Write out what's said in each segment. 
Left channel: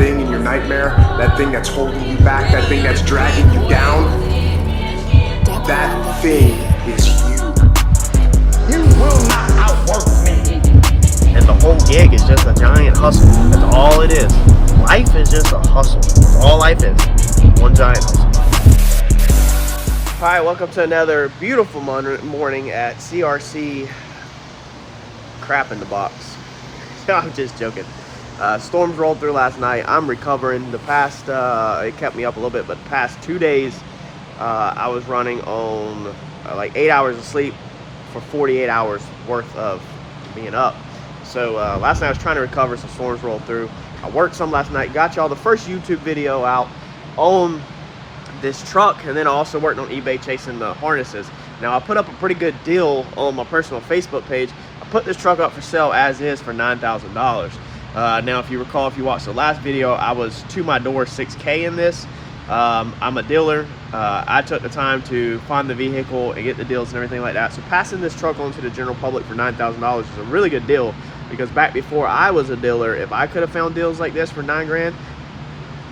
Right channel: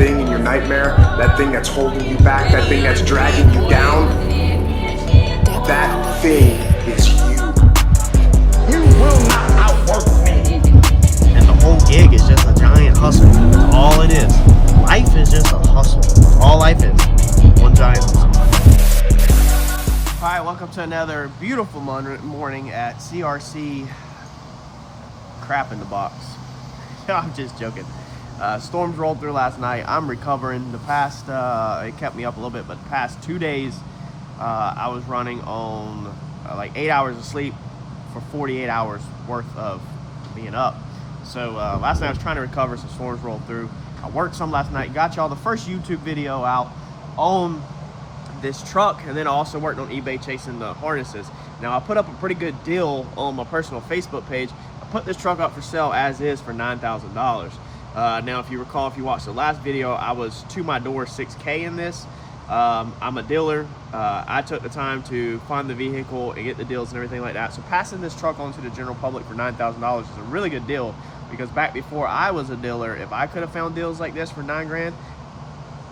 thing in your nightmare, that thing that's holding you back, that thing that's dragging you down, that thing is you. You will not outwork me. And the whole gig is just a giant hustle. That's all it is. Life is just a hustle. That's all life is. One giant hustle. Hi, welcome to another beautiful morning at CRC Crap in the Box. I'm just joking. Storms rolled through last night. I'm recovering. The past, it kept me up a little bit, but the past 2 days, I was running on like 8 hours of sleep for 48 hours worth of being up. So last night I was trying to recover, some storms rolled through. I worked some last night, got y'all the first YouTube video out on this truck, and then I also worked on eBay chasing the harnesses. Now I put up a pretty good deal on my personal Facebook page. I put this truck up for sale as is for $9,000. Now if you recall, if you watched the last video, I was to my door $6K in this. I'm a dealer. I took the time to find the vehicle and get the deals and everything like that. So passing this truck on to the general public for $9,000 is a really good deal, because back before I was a dealer, if I could have found deals like this for $9 grand,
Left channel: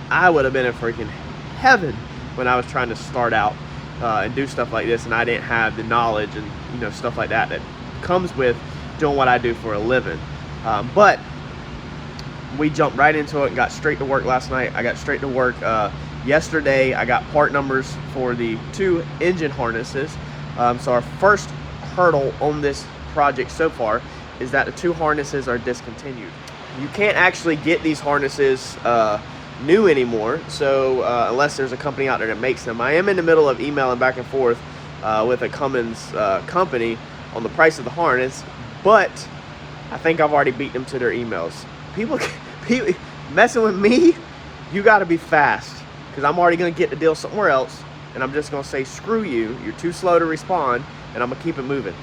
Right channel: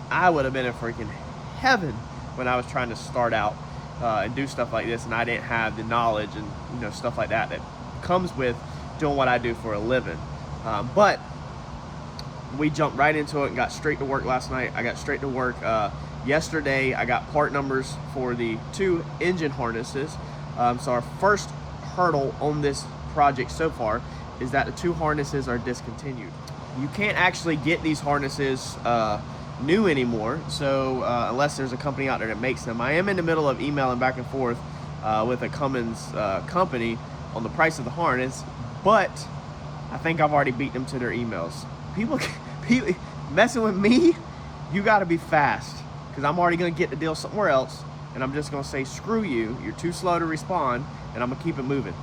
I would have been in freaking heaven when I was trying to start out and do stuff like this, and I didn't have the knowledge and stuff like that that comes with doing what I do for a living. But we jumped right into it and got straight to work last night. I got straight to work yesterday. I got part numbers for the 2 engine harnesses. So our first hurdle on this project so far is that the 2 harnesses are discontinued. You can't actually get these harnesses new anymore, so unless there's a company out there that makes them. I am in the middle of emailing back and forth with a Cummins company on the price of the harness, but I think I've already beat them to their emails. People messing with me, you got to be fast, because I'm already going to get the deal somewhere else, and I'm just going to say, screw you, you're too slow to respond, and I'm going to keep it moving.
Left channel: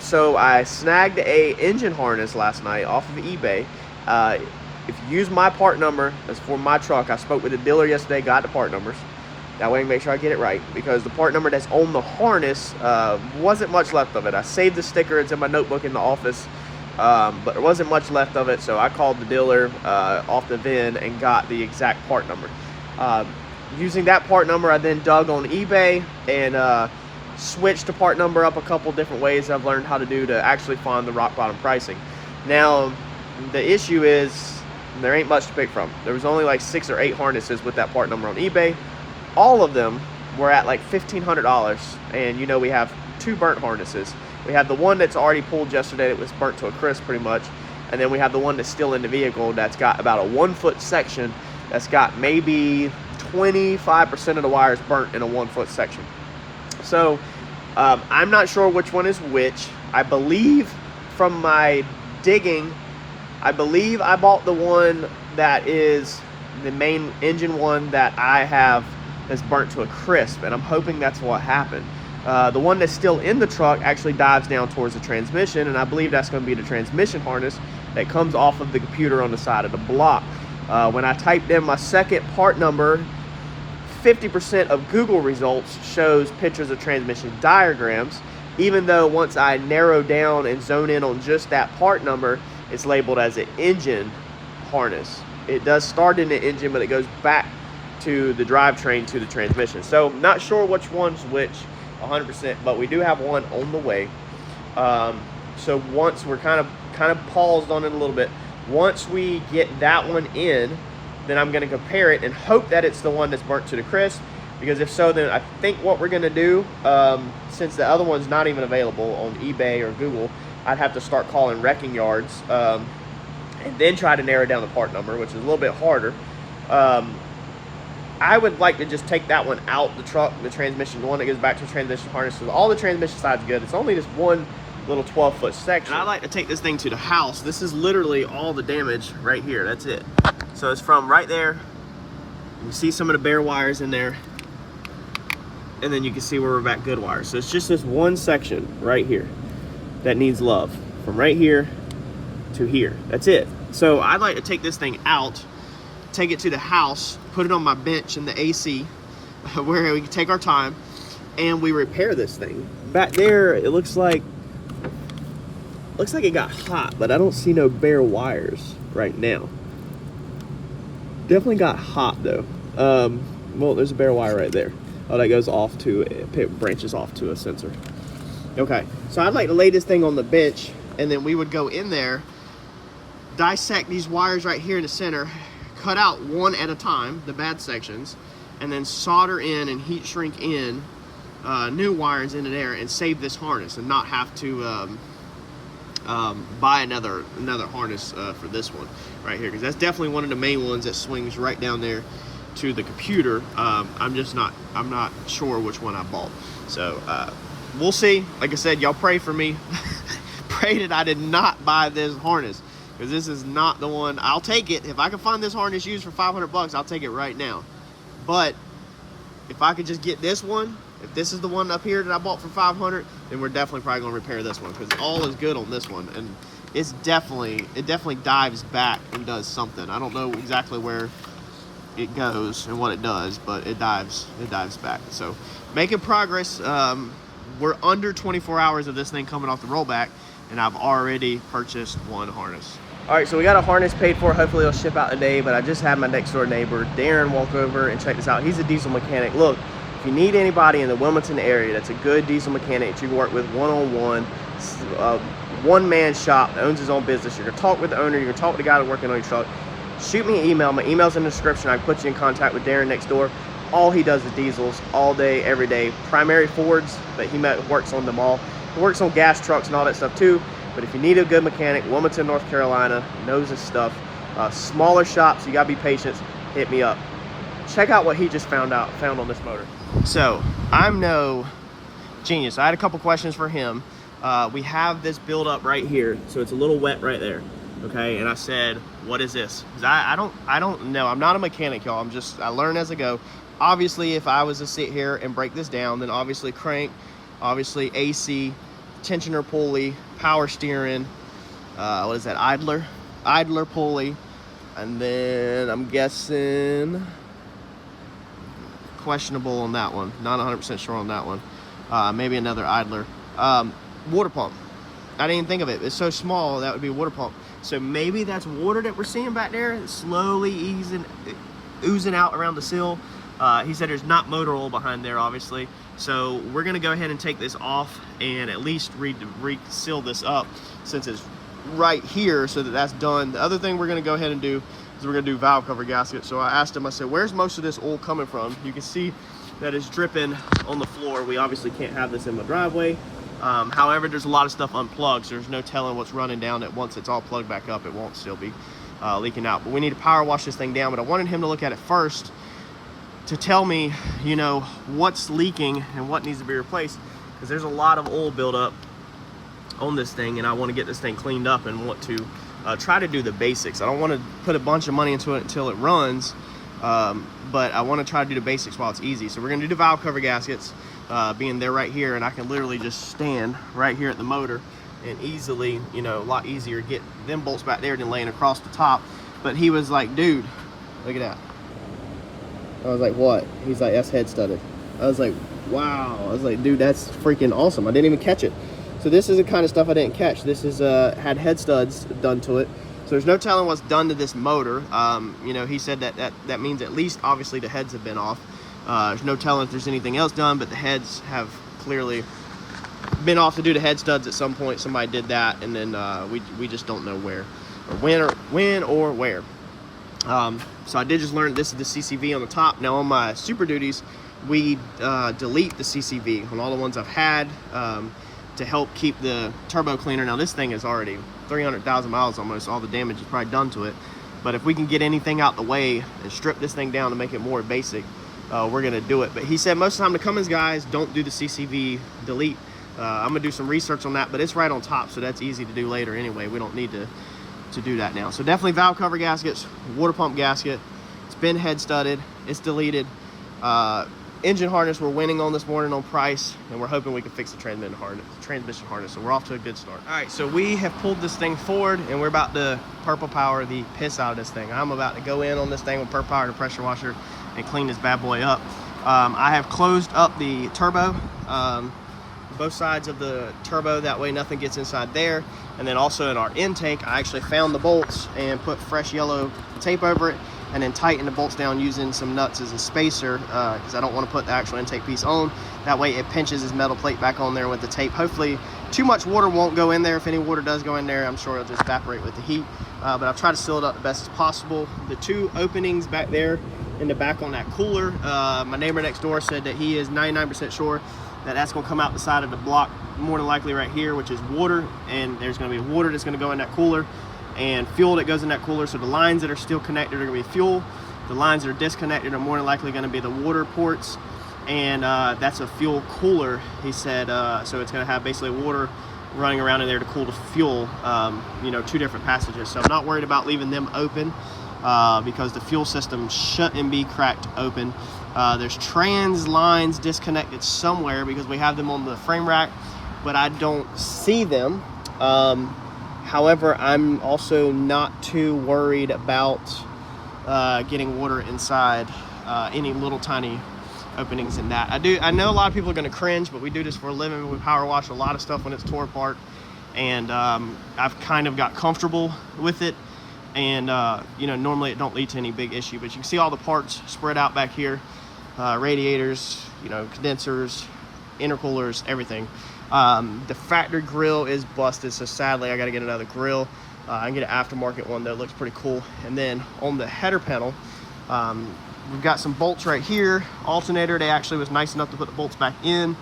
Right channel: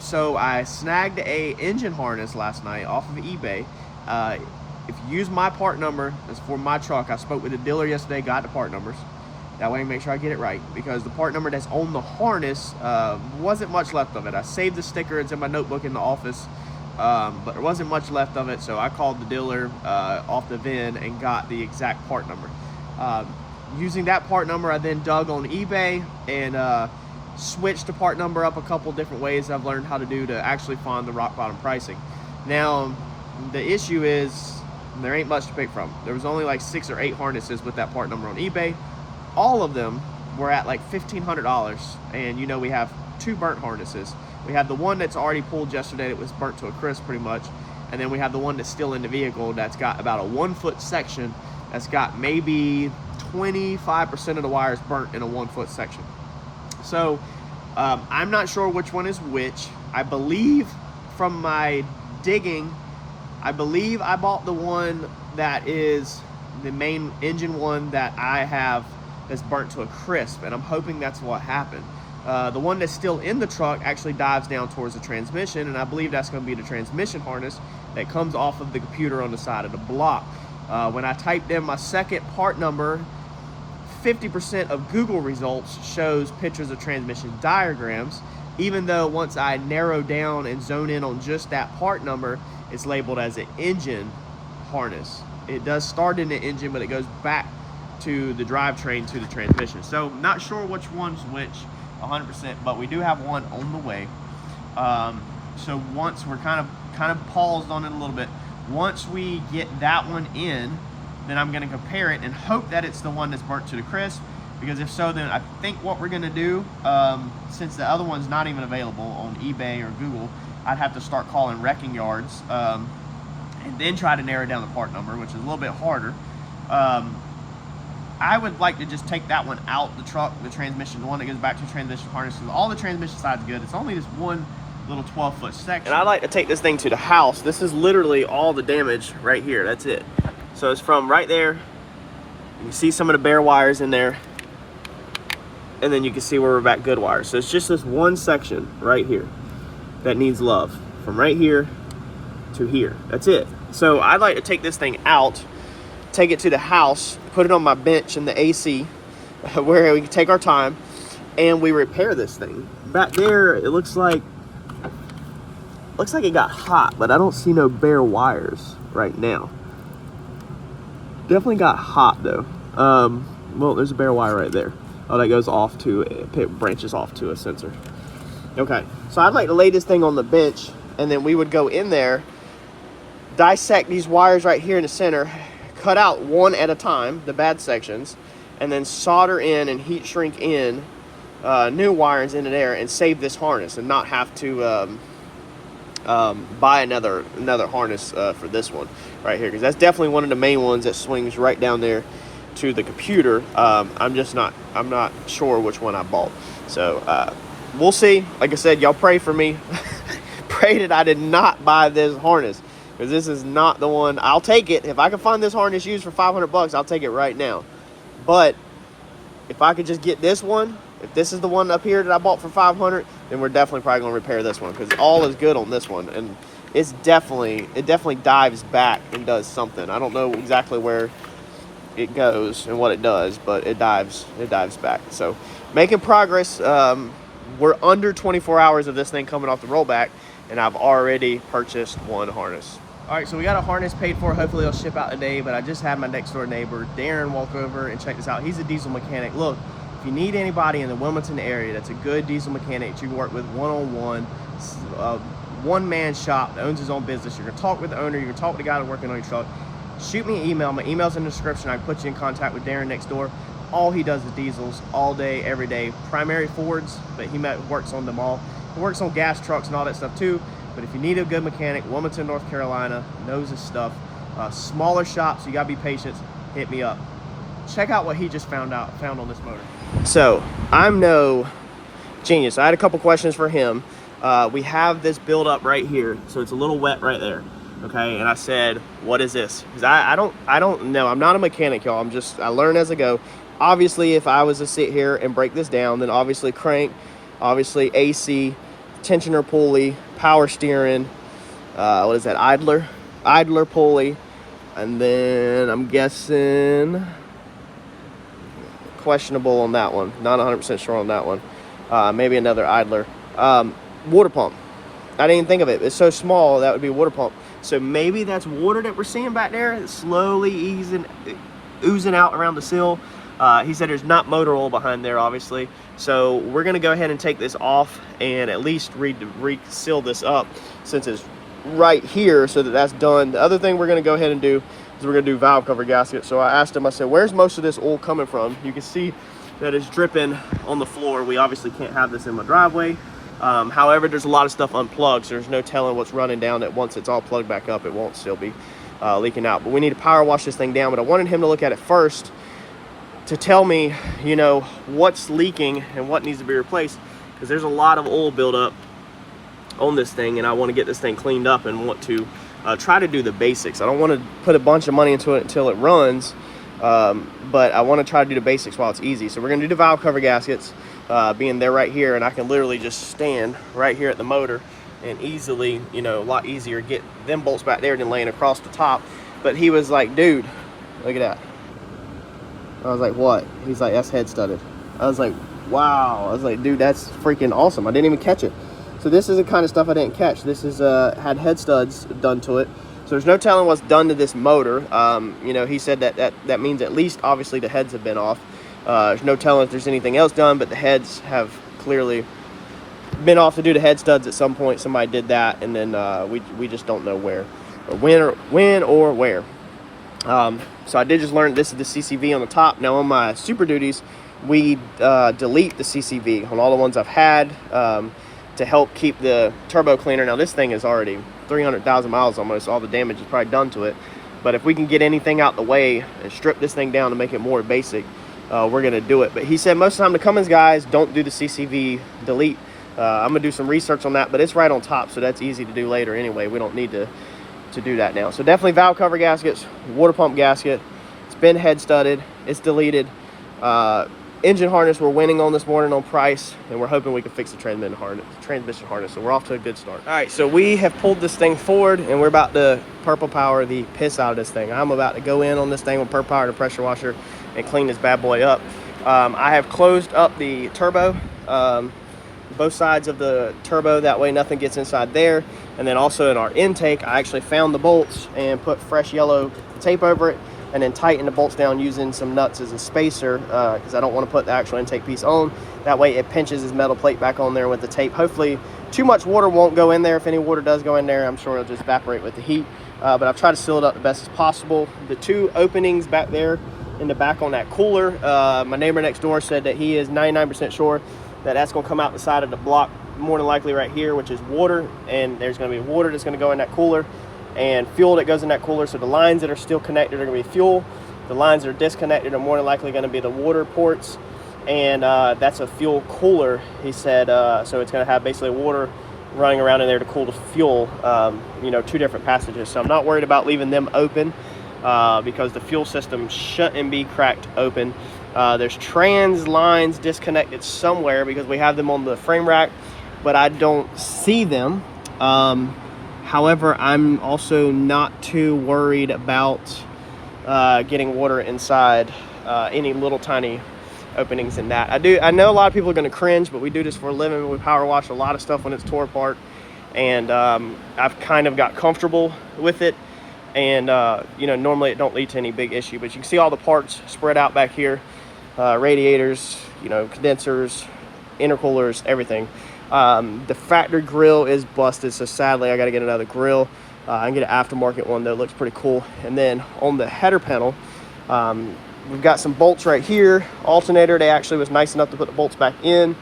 So I snagged a engine harness last night off of eBay. If you use my part number, that's for my truck. I spoke with the dealer yesterday, got the part numbers. That way I can make sure I get it right, because the part number that's on the harness wasn't much left of it. I saved the sticker, it's in my notebook in the office, but there wasn't much left of it, so I called the dealer off the VIN and got the exact part number. Using that part number, I then dug on eBay and switched the part number up a couple different ways I've learned how to do to actually find the rock bottom pricing. Now, the issue is, there ain't much to pick from. There was only like 6 or 8 harnesses with that part number on eBay. All of them were at like $1,500, and we have 2 burnt harnesses. We have the one that's already pulled yesterday that was burnt to a crisp pretty much, and then we have the one that's still in the vehicle that's got about a 1-foot section that's got maybe 25% of the wires burnt in a 1-foot section. So I'm not sure which one is which. I believe from my digging, I believe I bought the one that is the main engine one that I have that's burnt to a crisp, and I'm hoping that's what happened. The one that's still in the truck actually dives down towards the transmission, and I believe that's going to be the transmission harness that comes off of the computer on the side of the block. When I typed in my second part number, 50% of Google results shows pictures of transmission diagrams, even though once I narrow down and zone in on just that part number, it's labeled as an engine harness. It does start in the engine, but it goes back to the drivetrain to the transmission. So not sure which one's which 100%, but we do have one on the way. So once we're kind of paused on it a little bit. Once we get that one in, then I'm going to compare it and hope that it's the one that's burnt to the crisp, because if so, then I think what we're going to do, since the other one's not even available on eBay or Google, I'd have to start calling wrecking yards and then try to narrow down the part number, which is a little bit harder. I would like to just take that one out the truck, the transmission, the one that goes back to the transmission harnesses. All the transmission side's good. It's only just one little 12-foot section. And I'd like to take this thing to the house. This is literally all the damage right here. That's it. So it's from right there. You see some of the bare wires in there. And then you can see where we're back good wires. So it's just this one section right here that needs love. From right here to here. That's it. So I'd like to take this thing out, take it to the house, put it on my bench in the AC, where we can take our time, and we repair this thing. Back there, it looks like it got hot, but I don't see no bare wires right now. Definitely got hot though. Well, there's a bare wire right there. Oh, that goes off to, it branches off to a sensor. Okay, so I'd like to lay this thing on the bench, and then we would go in there, dissect these wires right here in the center, cut out one at a time, the bad sections, and then solder in and heat shrink in new wires into there and save this harness and not have to buy another harness for this one right here, because that's definitely one of the main ones that swings right down there to the computer. I'm not sure which one I bought, so we'll see. Like I said, y'all pray for me. Pray that I did not buy this harness, because this is not the one. I'll take it if I can find this harness used for 500 bucks. I'll take it right now. But if I could just get this one, if this is the one up here that I bought for 500, then we're definitely probably gonna repair this one, because all is good on this one, and it definitely dives back and does something. I don't know exactly where it goes and what it does, but it dives back. So making progress. We're under 24 hours of this thing coming off the rollback, and I've already purchased one harness. All right, so we got a harness paid for. Hopefully it'll ship out today, but I just had my next door neighbor, Darren, walk over and check this out. He's a diesel mechanic. Look, if you need anybody in the Wilmington area that's a good diesel mechanic that you can work with one-on-one, one-man shop that owns his own business, you're gonna talk with the owner, you're gonna talk with the guy that's working on your truck, shoot me an email. My email's in the description. I can put you in contact with Darren next door. All he does is diesels all day, every day. Primary Fords, but he works on them all. He works on gas trucks and all that stuff too. But if you need a good mechanic, Wilmington, North Carolina, knows his stuff. Smaller shops, you gotta be patient. Hit me up. Check out what he just found on this motor. So I'm no genius. I had a couple questions for him. We have this build up right here, so it's a little wet right there. Okay, and I said, what is this? Because I don't know. I'm not a mechanic, y'all. I learn as I go. Obviously, if I was to sit here and break this down, then obviously crank, obviously AC, tensioner pulley, power steering, what is that, idler pulley, and then I'm guessing questionable on that one. Not 100% sure on that one. Maybe another idler. Water pump. I didn't even think of it. It's so small, that would be a water pump. So maybe that's water that we're seeing back there. It's slowly oozing out around the sill. He said there's not motor oil behind there, obviously. So we're gonna go ahead and take this off and at least re-seal this up, since it's right here, so that's done. The other thing we're gonna go ahead and do is we're gonna do valve cover gasket. So I asked him, I said, where's most of this oil coming from? You can see that it's dripping on the floor. We obviously can't have this in my driveway. However, there's a lot of stuff unplugged, so there's no telling what's running down, that once it's all plugged back up, it won't still be leaking out. But we need to power wash this thing down. But I wanted him to look at it first to tell me, you know, what's leaking and what needs to be replaced, because there's a lot of oil buildup on this thing, and I want to get this thing cleaned up and want to try to do the basics. I don't want to put a bunch of money into it until it runs, but I want to try to do the basics while it's easy. So we're going to do the valve cover gaskets, being they're right here, and I can literally just stand right here at the motor and easily, you know, a lot easier get them bolts back there than laying across the top. But he was like, dude, look at that. I was like, what? He's like, that's head studded. I was like, wow. I was like, dude, that's freaking awesome. I didn't even catch it. So this is the kind of stuff I didn't catch. This is had head studs done to it. So there's no telling what's done to this motor. You know, he said that means at least obviously the heads have been off. There's no telling if there's anything else done, but the heads have clearly been off to do the head studs at some point. Somebody did that, and then we just don't know where, or when or where. So I did just learn this is the CCV on the top. Now on my Super Duties, we delete the CCV on all the ones I've had to help keep the turbo cleaner. Now this thing is already 300,000 miles almost. All the damage is probably done to it. But if we can get anything out the way and strip this thing down to make it more basic, we're gonna do it. But he said most of the time the Cummins guys don't do the CCV delete. I'm gonna do some research on that, but it's right on top, so that's easy to do later anyway. We don't need to do that now. So definitely valve cover gaskets, water pump gasket. It's been head studded, it's deleted. Engine harness we're winning on this morning on price, and we're hoping we can fix the transmission harness. So we're off to a good start. All right, so we have pulled this thing forward, and we're about to purple power the piss out of this thing. I'm about to go in on this thing with purple power and a pressure washer and clean this bad boy up. I have closed up the turbo, both sides of the turbo, that way nothing gets inside there. And then also in our intake, I actually found the bolts and put fresh yellow tape over it, and then tighten the bolts down using some nuts as a spacer, because I don't want to put the actual intake piece on. That way it pinches his metal plate back on there with the tape. Hopefully too much water won't go in there. If any water does go in there, I'm sure it'll just evaporate with the heat. But I've tried to seal it up the best as possible. The two openings back there in the back on that cooler, my neighbor next door said that he is 99% sure that that's going to come out the side of the block, more than likely right here, which is water, and there's going to be water that's going to go in that cooler and fuel that goes in that cooler. So the lines that are still connected are going to be fuel. The lines that are disconnected are more than likely going to be the water ports, and that's a fuel cooler, he said. So it's going to have basically water running around in there to cool the fuel, you know, two different passages. So I'm not worried about leaving them open, because the fuel system shouldn't be cracked open. There's trans lines disconnected somewhere because we have them on the frame rack, but I don't see them. However, I'm also not too worried about getting water inside any little tiny openings in that. I know a lot of people are going to cringe, but we do this for a living. We power wash a lot of stuff when it's tore apart, and I've kind of got comfortable with it. And you know, normally it don't lead to any big issue, but you can see all the parts spread out back here, radiators, you know, condensers, intercoolers, everything. The factory grill is busted, so sadly I got to get another grill. I can get an aftermarket one that looks pretty cool. And then on the header panel, we've got some bolts right here. Alternator, they actually was nice enough to put the bolts back in.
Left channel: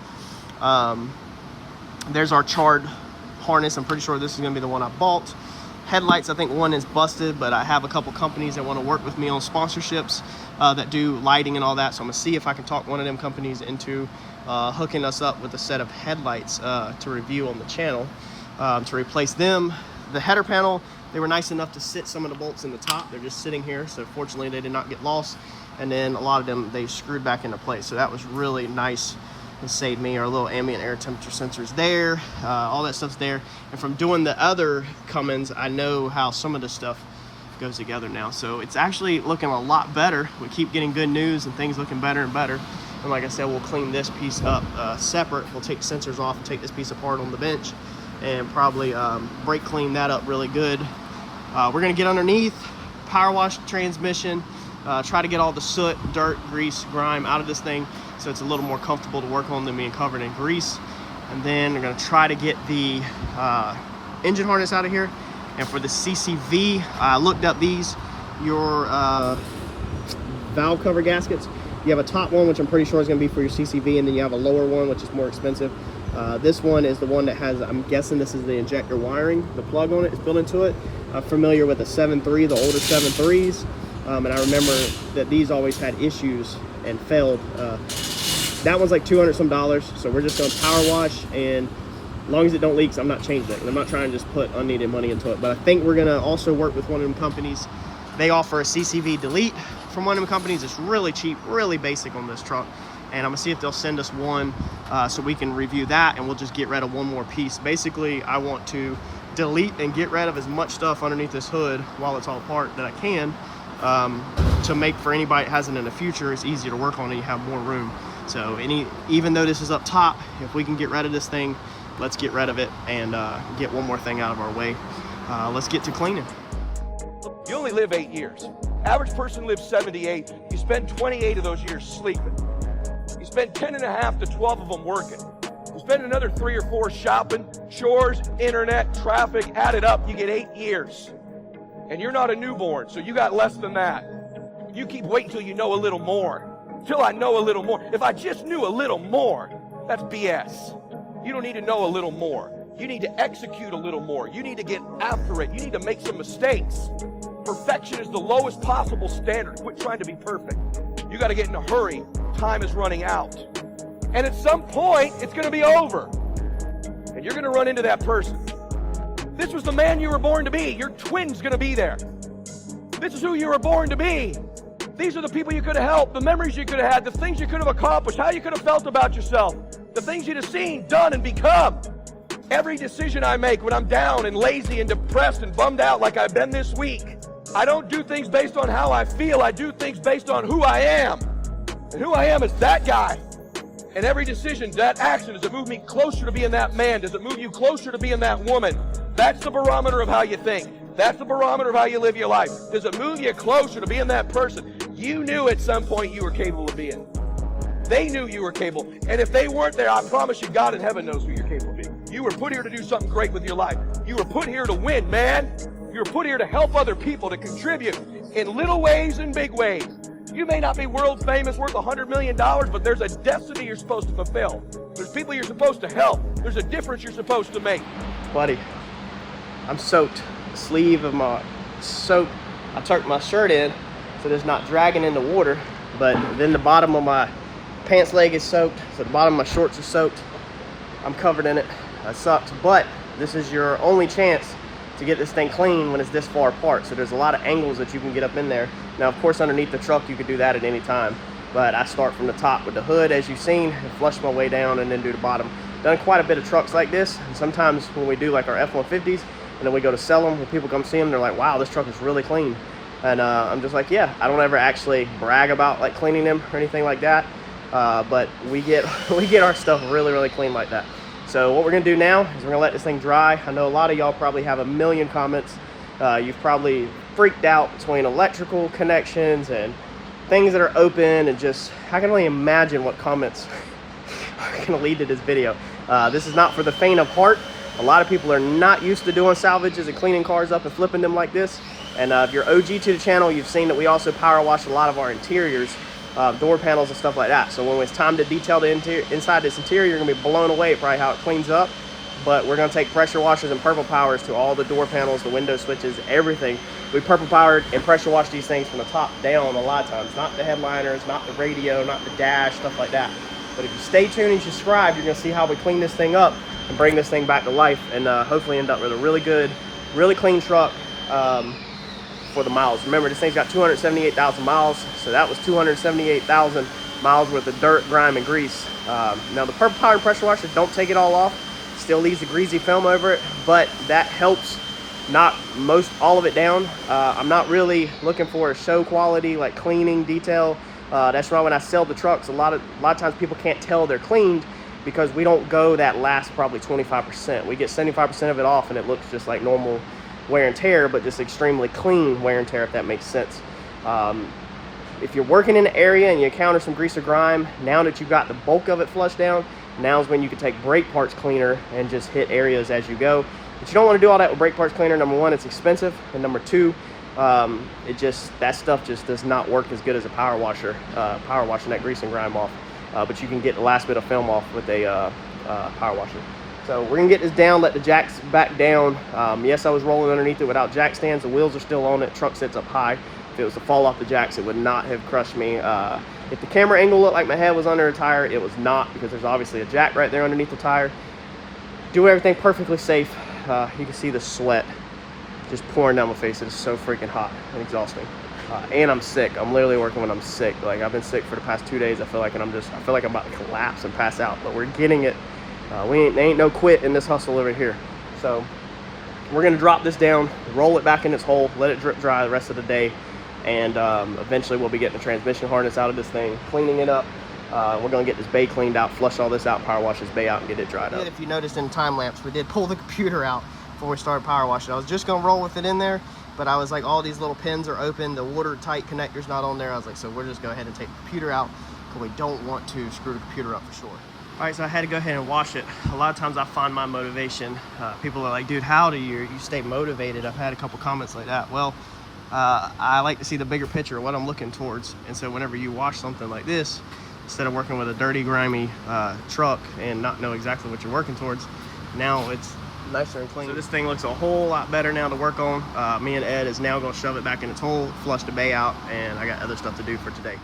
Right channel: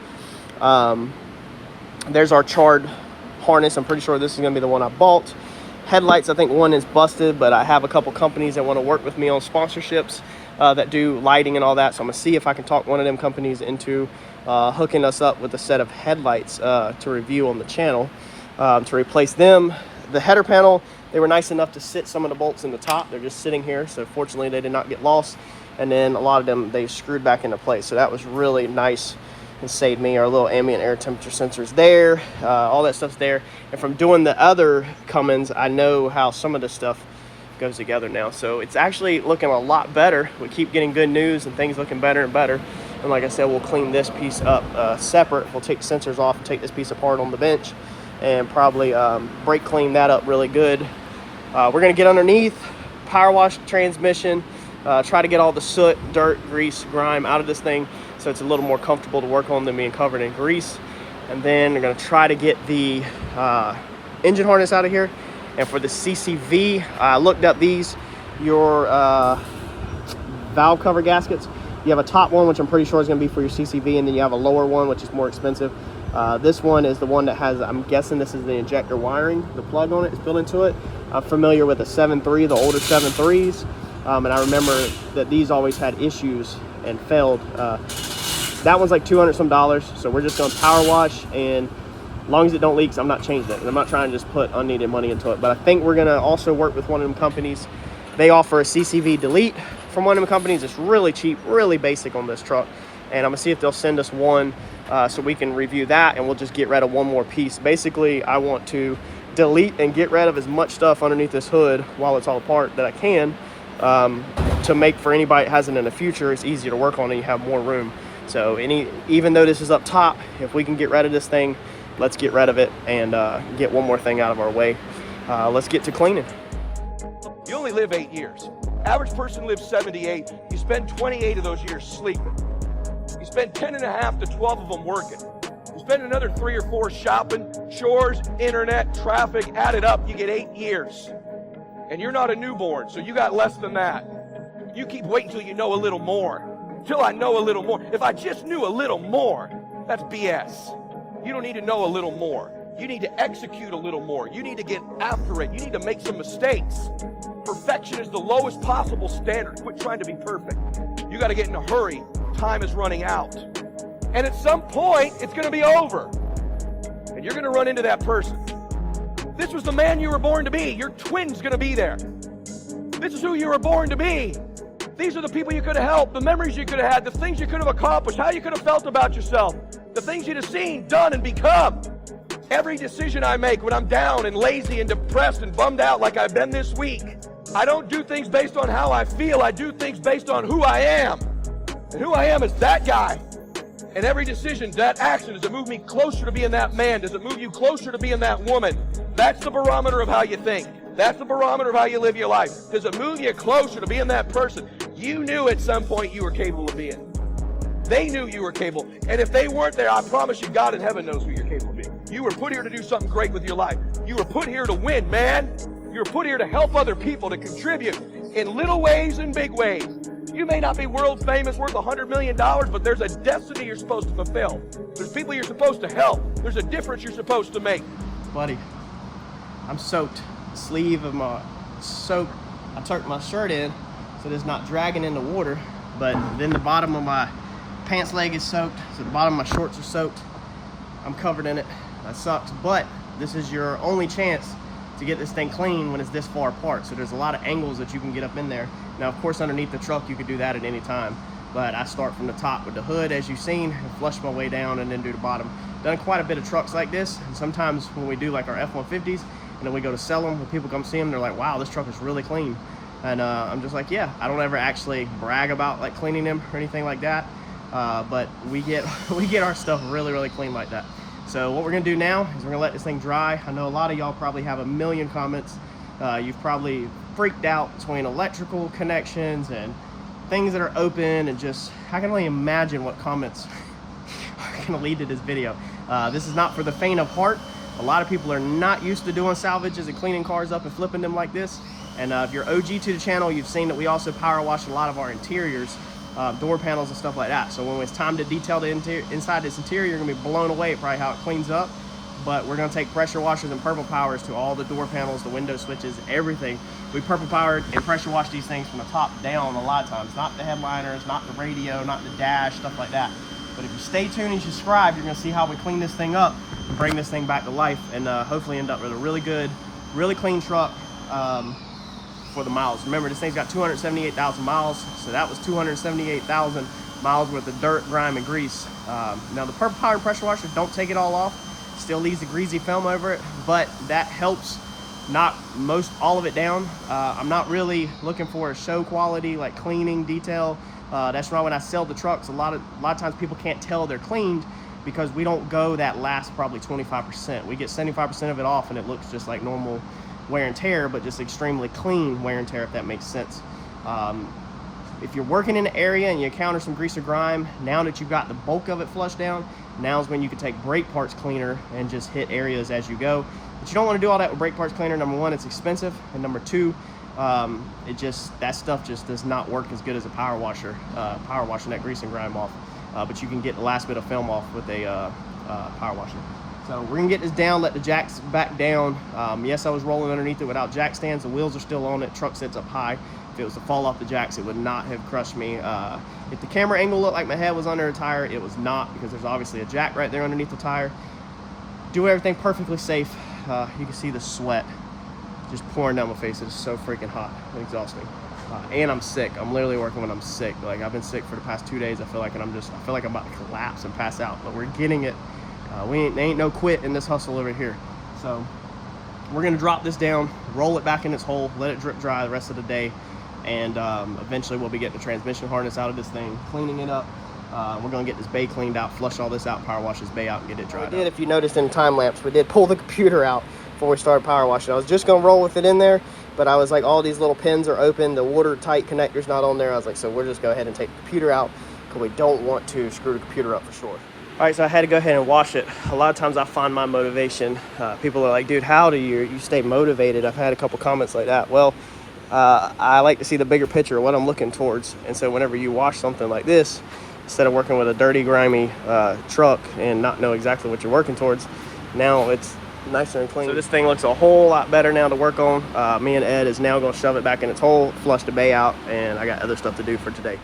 There's our charred harness. I'm pretty sure this is going to be the one I bought. Headlights, I think one is busted, but I have a couple companies that want to work with me on sponsorships that do lighting and all that. So I'm going to see if I can talk one of them companies into hooking us up with a set of headlights to review on the channel to replace them. The header panel, they were nice enough to sit some of the bolts in the top. They're just sitting here, so fortunately they did not get lost. And then a lot of them, they screwed back into place. So that was really nice and saved me. Our little ambient air temperature sensors there, all that stuff's there. And from doing the other Cummins, I know how some of this stuff goes together now. So it's actually looking a lot better. We keep getting good news and things looking better and better. And like I said, we'll clean this piece up separate. We'll take the sensors off and take this piece apart on the bench and probably brake clean that up really good. We're gonna get underneath, power wash the transmission, try to get all the soot, dirt, grease, grime out of this thing so it's a little more comfortable to work on than being covered in grease. And then we're gonna try to get the engine harness out of here. And for the CCV, I looked up these, your valve cover gaskets. You have a top one, which I'm pretty sure is going to be for your CCV, and then you have a lower one, which is more expensive. This one is the one that has, I'm guessing this is the injector wiring. The plug on it is built into it. I'm familiar with the 7.3, the older 7.3s, and I remember that these always had issues and failed. That one's like $200 some, so we're just going to power wash, and as long as it don't leak, I'm not changing it. I'm not trying to just put unneeded money into it, but I think we're going to also work with one of them companies. They offer a CCV delete from one of them companies. It's really cheap, really basic on this truck, and I'm gonna see if they'll send us one so we can review that, and we'll just get rid of one more piece. Basically, I want to delete and get rid of as much stuff underneath this hood while it's all apart that I can, to make for anybody that has it in the future, it's easier to work on and you have more room. So even though this is up top, if we can get rid of this thing, let's get rid of it and get one more thing out of our way. Let's get to cleaning. You only live 8 years. Average person lives 78. You spend 28 of those years sleeping. You spend 10.5 to 12 of them working. You spend another 3 or 4 shopping, chores, internet, traffic, add it up, you get 8 years. And you're not a newborn, so you got less than that. You keep waiting till you know a little more. Till I know a little more. If I just knew a little more, that's BS. You don't need to know a little more. You need to execute a little more. You need to get after it. You need to make some mistakes. Perfection is the lowest possible standard. Quit trying to be perfect. You got to get in a hurry. Time is running out. And at some point, it's going to be over. And you're going to run into that person. This was the man you were born to be. Your twin's going to be there. This is who you were born to be. These are the people you could have helped, the memories you could have had, the things you could have accomplished, how you could have felt about yourself, the things you'd have seen, done, and become. Every decision I make when I'm down and lazy and depressed and bummed out like I've been this week, I don't do things based on how I feel. I do things based on who I am. And who I am is that guy. And every decision, that action, does it move me closer to being that man? Does it move you closer to being that woman? That's the barometer of how you think. That's the barometer of how you live your life. Does it move you closer to being that person you knew at some point you were capable of being? They knew you were capable. And if they weren't there, I promise you, God in heaven knows who you're capable of being. You were put here to do something great with your life. You were put here to win, man. You were put here to help other people, to contribute in little ways and big ways. You may not be world famous, worth $100 million, but there's a destiny you're supposed to fulfill. There's people you're supposed to help. There's a difference you're supposed to make. Buddy, I'm soaked. The sleeve of my soaked. I tucked my shirt in so it's not dragging in the water, but then the bottom of my pants leg is soaked, so the bottom of my shorts are soaked. I'm covered in it. That sucks, but this is your only chance to get this thing clean when it's this far apart. So there's a lot of angles that you can get up in there. Now, of course, underneath the truck, you could do that at any time, but I start from the top with the hood, as you've seen, and flush my way down and then do the bottom. Done quite a bit of trucks like this, and sometimes when we do like our F-150s, and then we go to sell them, when people come see them, they're like, wow, this truck is really clean. And I'm just like, yeah, I don't ever actually brag about like cleaning them or anything like that, but we get our stuff really, really clean like that. So what we're gonna do now is we're gonna let this thing dry. I know a lot of y'all probably have a million comments. You've probably freaked out between electrical connections and things that are open, and just, I can only imagine what comments are gonna lead to this video. This is not for the faint of heart. A lot of people are not used to doing salvages and cleaning cars up and flipping them like this. And if you're OG to the channel, you've seen that we also power wash a lot of our interiors, door panels and stuff like that. So when it's time to detail the inside this interior, you're gonna be blown away at probably how it cleans up. But we're gonna take pressure washers and purple powers to all the door panels, the window switches, everything. We purple powered and pressure wash these things from the top down a lot of times. Not the headliners, not the radio, not the dash, stuff like that. But if you stay tuned and subscribe, you're gonna see how we clean this thing up and bring this thing back to life, and hopefully end up with a really good, really clean truck for the miles. Remember, this thing's got 278,000 miles, so that was 278,000 miles worth of dirt, grime, and grease. Now the purple powered pressure washer, don't take it all off. Still leaves the greasy film over it, but that helps knock all of it down. I'm not really looking for a show quality, like cleaning detail. That's why when I sell the trucks, a lot of times people can't tell they're cleaned because we don't go that last probably 25%. We get 75% of it off, and it looks just like normal wear and tear, but just extremely clean wear and tear, if that makes sense. If you're working in an area and you encounter some grease or grime, now that you've got the bulk of it flushed down, now's when you can take brake parts cleaner and just hit areas as you go. But you don't want to do all that with brake parts cleaner. Number one, it's expensive, and number two, that stuff just does not work as good as a power washer, washing that grease and grime off. But you can get the last bit of film off with a power washer. So we're gonna get this down, let the jacks back down. Yes, I was rolling underneath it without jack stands. The wheels are still on it. Truck sits up high. If it was to fall off the jacks, it would not have crushed me. If the camera angle looked like my head was under a tire, it was not, because there's obviously a jack right there underneath the tire. Do everything perfectly safe. You can see the sweat just pouring down my face. It is so freaking hot and exhausting. And I'm sick. I'm literally working when I'm sick. Like, I've been sick for the past 2 days. I feel like I'm about to collapse and pass out, but we're getting it. There ain't no quit in this hustle over here. So we're gonna drop this down, roll it back in its hole, let it drip dry the rest of the day, and eventually we'll be getting the transmission harness out of this thing, cleaning it up. We're gonna get this bay cleaned out, flush all this out, power wash this bay out, and get it dried up. If you noticed in time lapse, we did pull the computer out before we started power washing. I was just gonna roll with it in there, but I was like, all these little pins are open, the watertight connector's not on there. I was like, so we're just go ahead and take the computer out, because we don't want to screw the computer up for sure. All right, so I had to go ahead and wash it. A lot of times I find my motivation. People are like, dude, how do you stay motivated? I've had a couple comments like that. Well, I like to see the bigger picture of what I'm looking towards. And so whenever you wash something like this, instead of working with a dirty, grimy truck and not know exactly what you're working towards, now it's nicer and clean. So this thing looks a whole lot better now to work on. Me and Ed is now gonna shove it back in its hole, flush the bay out, and I got other stuff to do for today.